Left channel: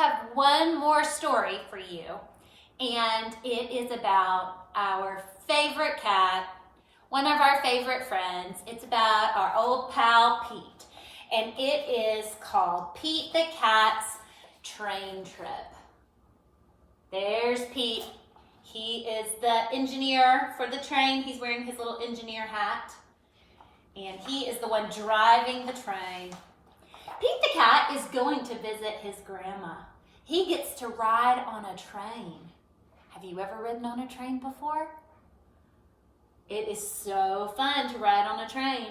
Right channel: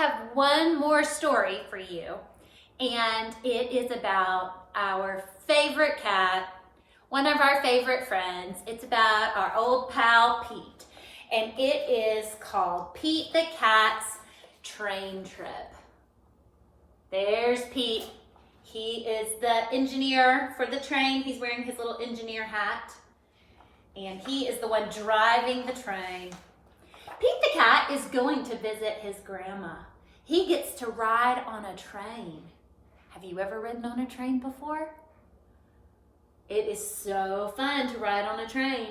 have one more story for you, and it is about our favorite cat, one of our favorite friends. It's about our old pal, Pete, and it is called Pete the Cat's Train Trip. There's Pete. He is the engineer for the train. He's wearing his little engineer hat, and he is the one driving the train. Pete the cat is going to visit his grandma. He gets to ride on a train. Have you ever ridden on a train before? It is so fun to ride on a train.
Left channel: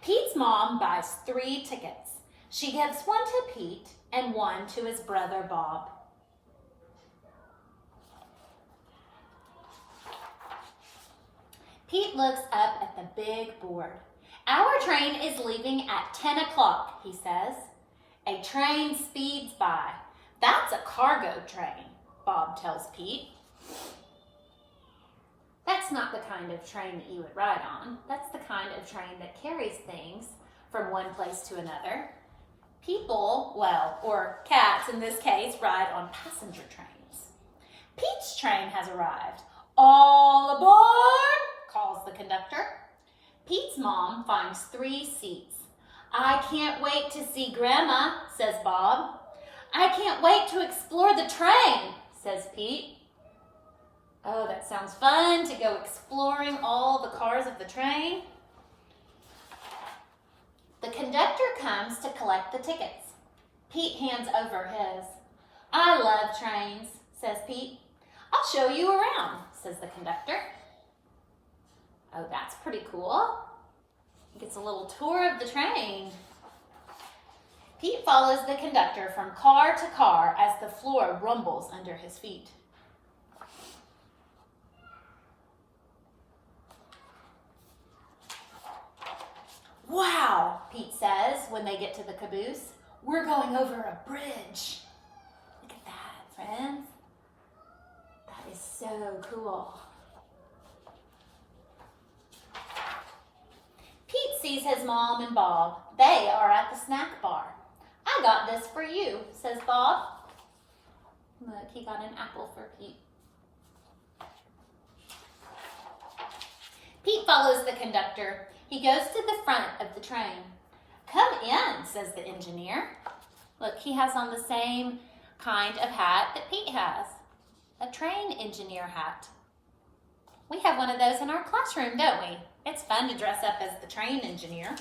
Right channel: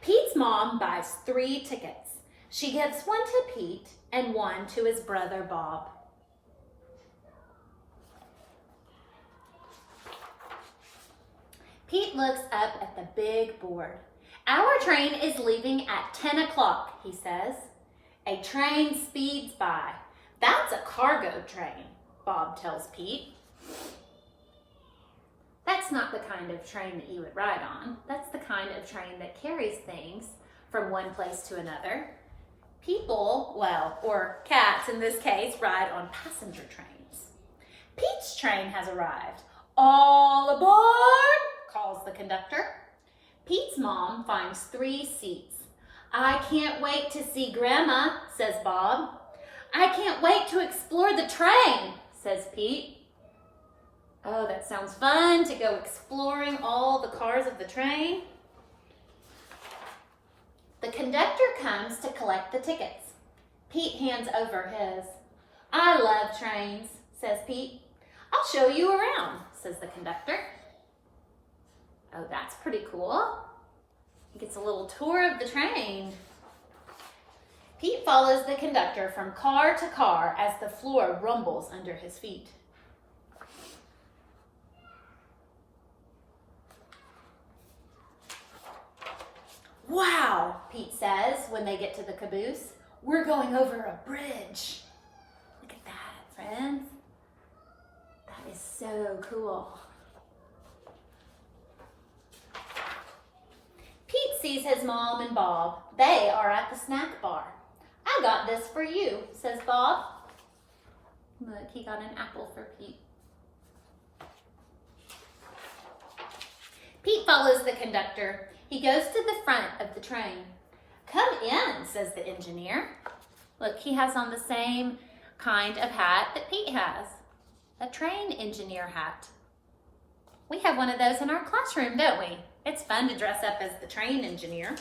Pete's mom buys 3 tickets. She gives one to Pete and one to his brother Bob. Pete looks up at the big board. Our train is leaving at 10 o'clock, he says. A train speeds by. That's a cargo train, Bob tells Pete. That's not the kind of train that you would ride on. That's the kind of train that carries things from one place to another. People, well, or cats in this case, ride on passenger trains. Pete's train has arrived. All aboard, calls the conductor. Pete's mom finds 3 seats. I can't wait to see Grandma, says Bob. I can't wait to explore the train, says Pete. Oh, that sounds fun to go exploring all the cars of the train. The conductor comes to collect the tickets. Pete hands over his. I love trains, says Pete. I'll show you around, says the conductor. Oh, that's pretty cool. He gets a little tour of the train. Pete follows the conductor from car to car as the floor rumbles under his feet. Wow, Pete says when they get to the caboose. We're going over a bridge. Look at that, friends. That is so cool. Pete sees his mom and Bob. They are at the snack bar. I got this for you, says Bob. Look, he got an apple for Pete. Pete follows the conductor. He goes to the front of the train. Come in, says the engineer. Look, he has on the same kind of hat that Pete has. A train engineer hat. We have one of those in our classroom, don't we? It's fun to dress up as the train engineer.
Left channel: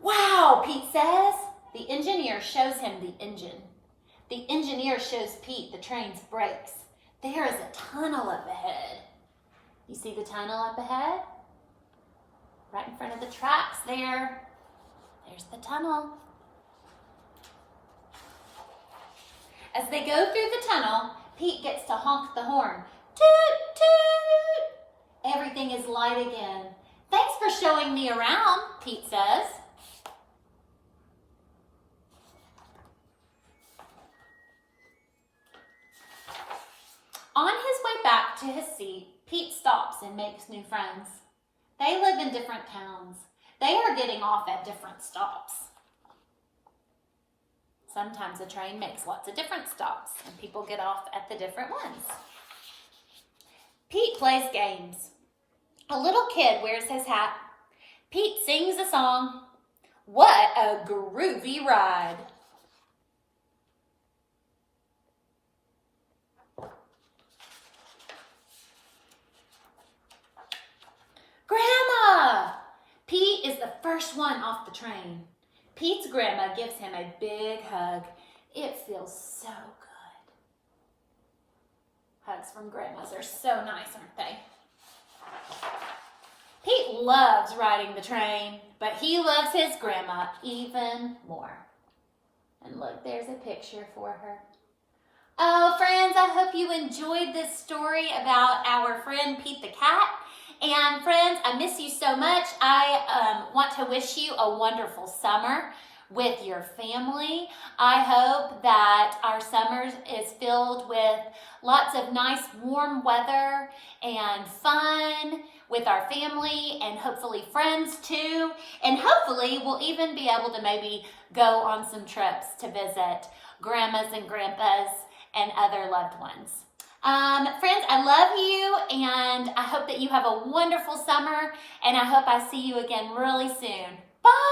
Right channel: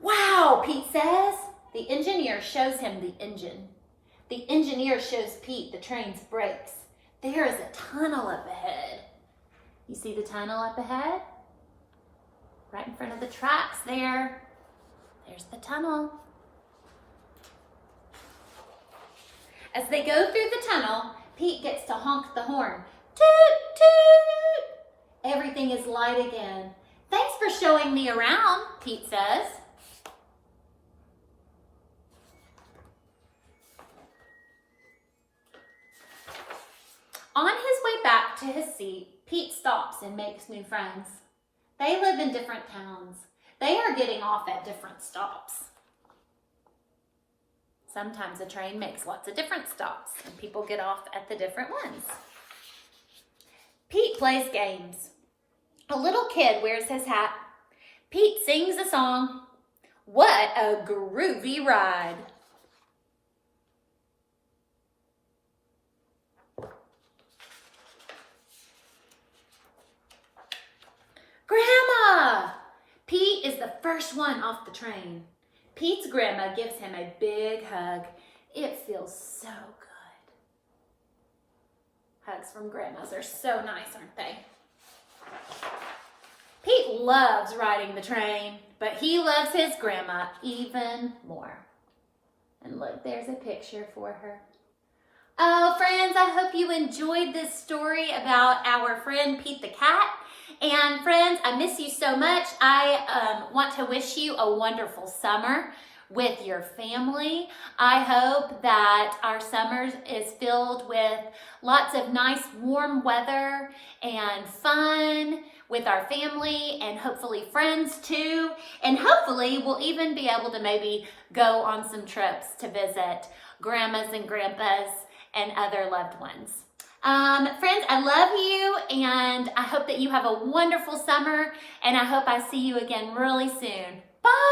Wow, Pete says. The engineer shows him the engine. The engineer shows Pete the train's brakes. There is a tunnel up ahead. You see the tunnel up ahead? Right in front of the tracks there. There's the tunnel. As they go through the tunnel, Pete gets to honk the horn. Toot, toot! Everything is light again. Thanks for showing me around, Pete says. On his way back to his seat, Pete stops and makes new friends. They live in different towns. They are getting off at different stops. Sometimes a train makes lots of different stops and people get off at the different ones. Pete plays games. A little kid wears his hat. Pete sings a song. What a groovy ride. Grandma! Pete is the first one off the train. Pete's grandma gives him a big hug. It feels so good. Hugs from grandmas are so nice, aren't they? Pete loves riding the train, but he loves his grandma even more. And look, there's a picture for her. Oh, friends, I hope you enjoyed this story about our friend Pete the cat. And friends, I miss you so much. I want to wish you a wonderful summer with your family. I hope that our summer is filled with lots of nice warm weather and fun, with our family and hopefully friends too. And hopefully we'll even be able to maybe go on some trips to visit grandmas and grandpas and other loved ones. Friends, I love you, and I hope that you have a wonderful summer, and I hope I see you again really soon. Bye!